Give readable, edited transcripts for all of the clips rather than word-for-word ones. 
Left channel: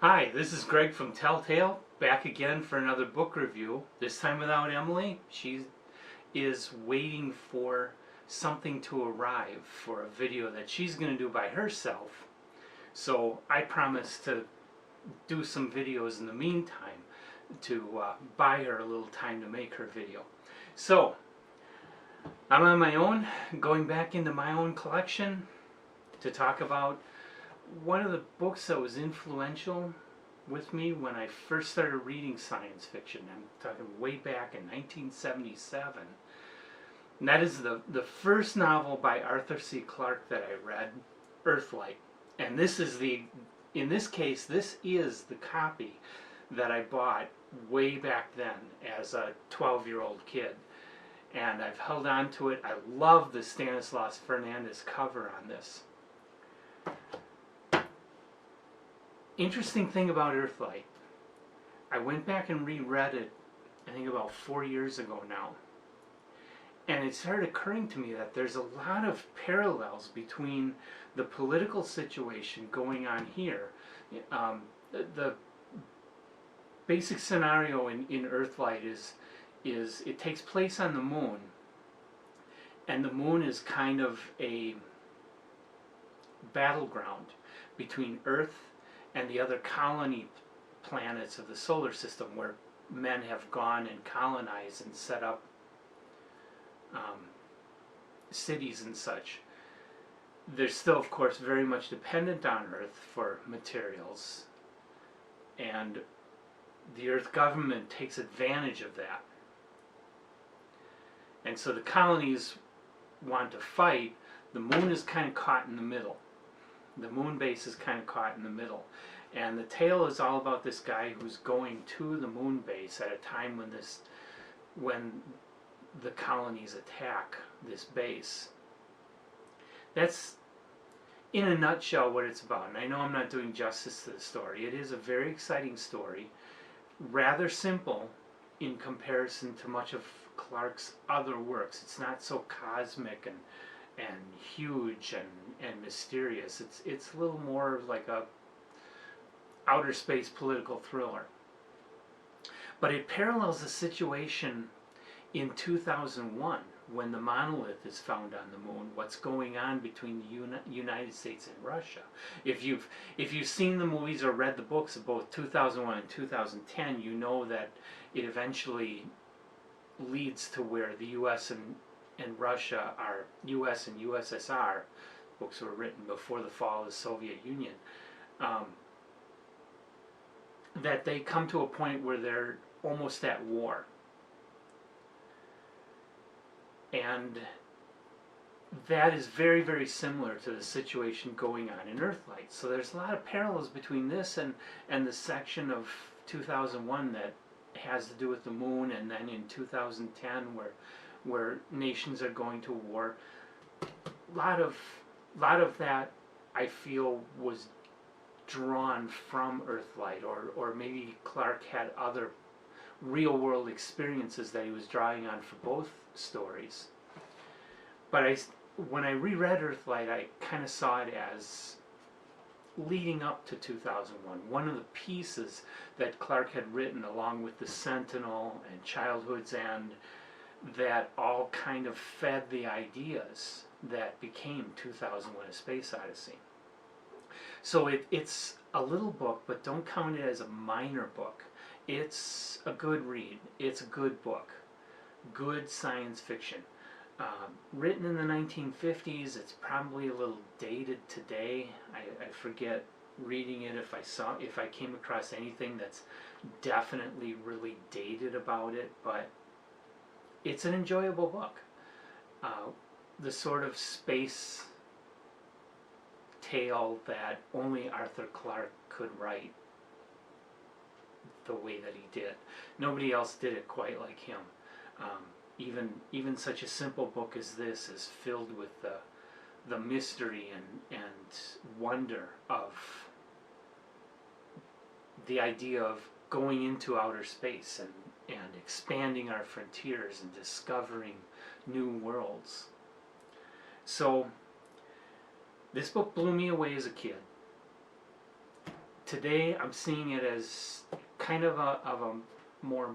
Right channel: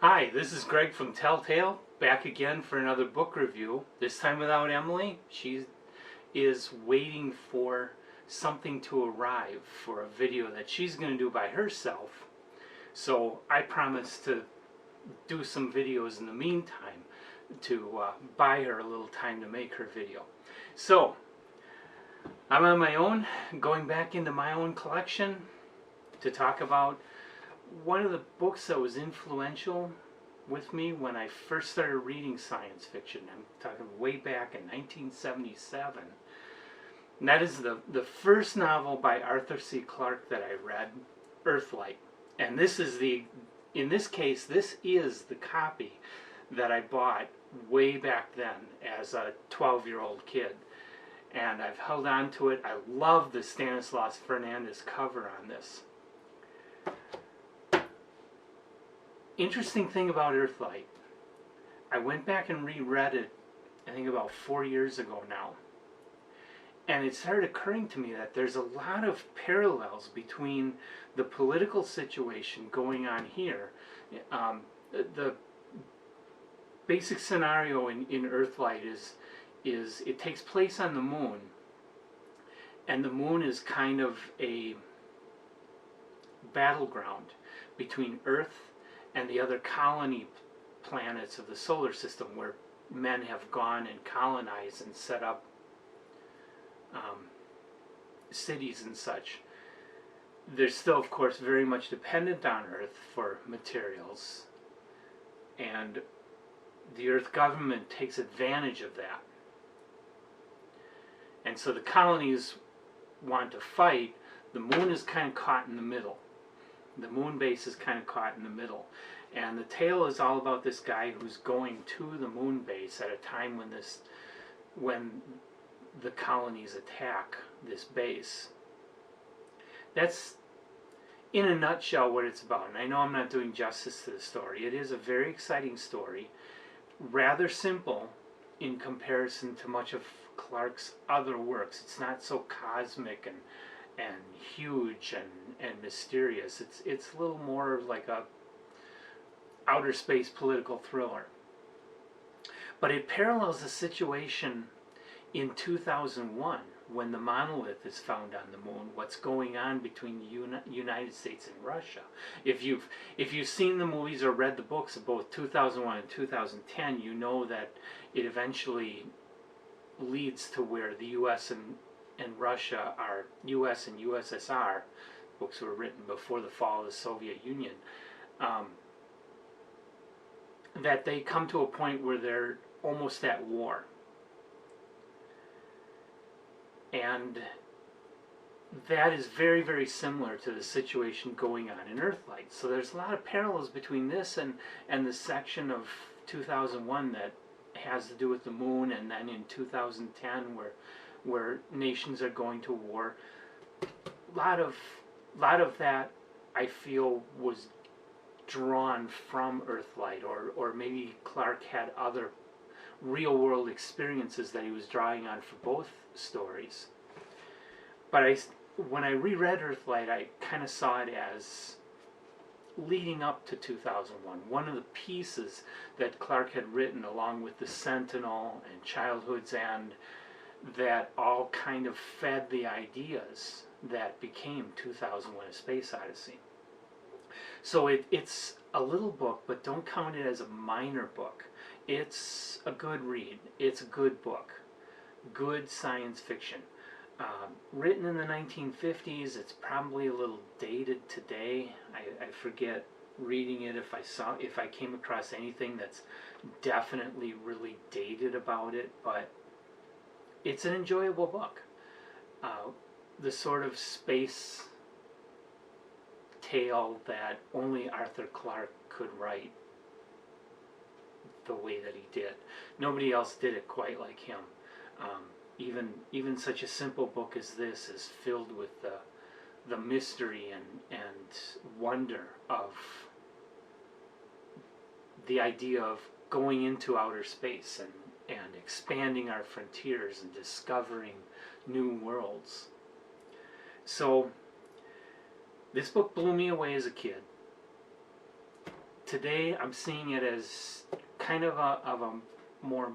Hi, this is Greg from Telltale, back again for another book review. This time without Emily. She is waiting for something to arrive for a video that she's going to do by herself. So I promised to do some videos in the meantime to buy her a little time to make her video. So I'm on my own, going back into my own collection to talk about one of the books that was influential with me when I first started reading science fiction. I'm talking way back in 1977. And that is the first novel by Arthur C. Clarke that I read, Earthlight. And this is in this case, this is the copy that I bought way back then as a 12-year-old kid. And I've held on to it. I love the Stanislaus Fernandez cover on this. Interesting thing about Earthlight, I went back and reread it, I think about 4 years ago now, and it started occurring to me that there's a lot of parallels between the political situation going on here. The basic scenario in Earthlight is it takes place on the moon, and the moon is kind of a battleground between Earth and the other colony planets of the solar system, where men have gone and colonized and set up cities and such. They're still, of course, very much dependent on Earth for materials, and the Earth government takes advantage of that. And so the colonies want to fight. The moon is kind of caught in the middle. The moon base is kind of caught in the middle. And the tale is all about this guy who's going to the moon base at a time when the colonies attack this base. That's, in a nutshell, what it's about. And I know I'm not doing justice to the story. It is a very exciting story, rather simple in comparison to much of Clarke's other works. It's not so cosmic and huge and mysterious. It's a little more like a outer space political thriller. But it parallels the situation in 2001 when the monolith is found on the moon. What's going on between the United States and Russia? If you've seen the movies or read the books of both 2001 and 2010, you know that it eventually leads to where the U.S. and Russia are, U.S. and USSR, books were written before the fall of the Soviet Union, that they come to a point where they're almost at war. And that is very, very similar to the situation going on in Earthlight. So there's a lot of parallels between this and the section of 2001 that has to do with the moon, and then in 2010 where nations are going to war. A lot of that, I feel, was drawn from Earthlight, or maybe Clarke had other real world experiences that he was drawing on for both stories. But when I reread Earthlight, I kind of saw it as leading up to 2001. One of the pieces that Clarke had written along with The Sentinel and Childhood's End that all kind of fed the ideas that became 2001: A Space Odyssey. So it's a little book, but don't count it as a minor book. It's a good read. It's a good book. Good science fiction. Written in the 1950s, it's probably a little dated today. I forget reading it if I came across anything that's definitely really dated about it, but it's an enjoyable book. The sort of space tale that only Arthur Clarke could write the way that he did. Nobody else did it quite like him. Even such a simple book as this is filled with the mystery and wonder of the idea of going into outer space and expanding our frontiers and discovering new worlds. So this book blew me away as a kid. today I'm seeing it as kind of a more,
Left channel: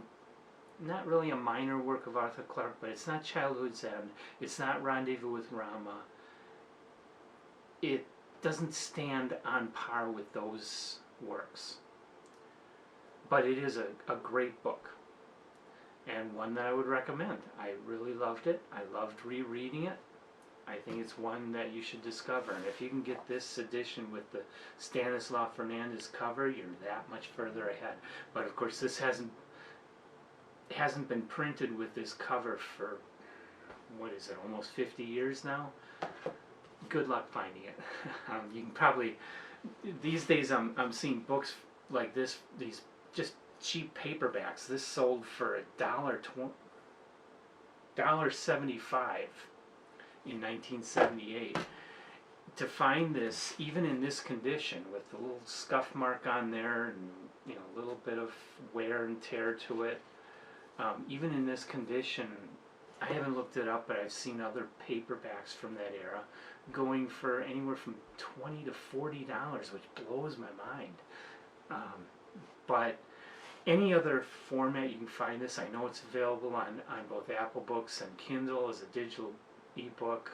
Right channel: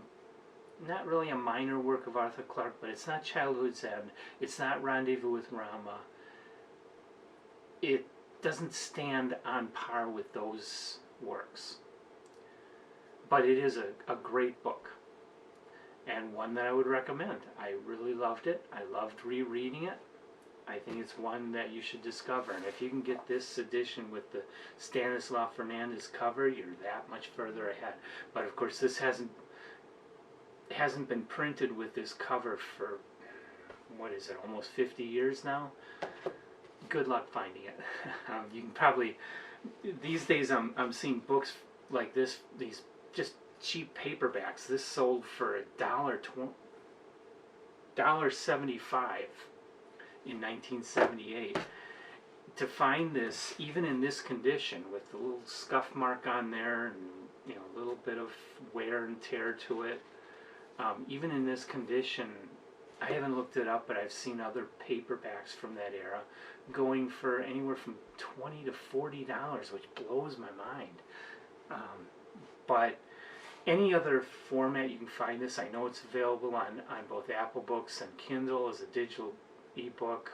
not really a minor work of Arthur Clarke, but it's not Childhood's End, it's not Rendezvous with Rama. It doesn't stand on par with those works, but it is a great book, and one that I would recommend. I really loved it. I loved rereading it. I think it's one that you should discover, and if you can get this edition with the Stanislaw Fernandez cover, you're that much further ahead. But of course, this hasn't been printed with this cover for, what is it, almost 50 years now. Good luck finding it. You can probably, these days I'm seeing books like this, these just cheap paperbacks. This sold for $1.75 in 1978. To find this, even in this condition, with the little scuff mark on there, and a little bit of wear and tear to it, even in this condition, I haven't looked it up, but I've seen other paperbacks from that era going for anywhere from $20 to $40, which blows my mind. But any other format you can find this, I know it's available on both Apple Books and Kindle as a digital ebook.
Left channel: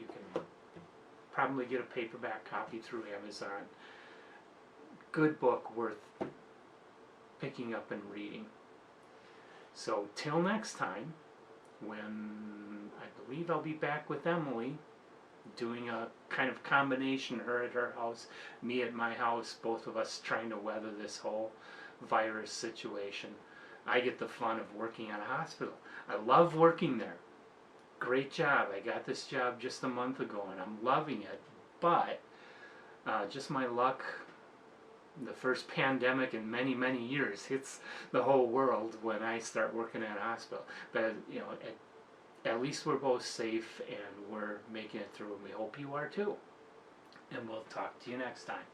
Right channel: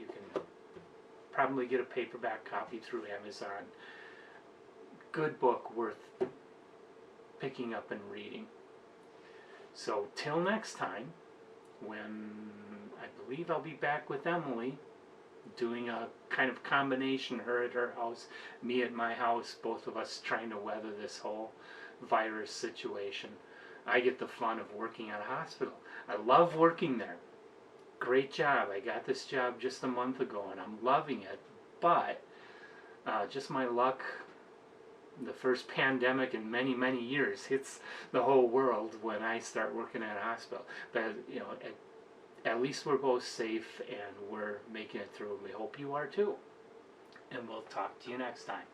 You can probably get a paperback copy through Amazon. Good book, worth picking up and reading. So till next time, when I believe I'll be back with Emily, doing a kind of combination, her at her house, me at my house, both of us trying to weather this whole virus situation. I get the fun of working at a hospital. I love working there. Great job. I got this job just a month ago and I'm loving it, but just my luck, the first pandemic in many, many years hits the whole world when I start working at a hospital. But at least we're both safe and we're making it through, and we hope you are too. And we'll talk to you next time.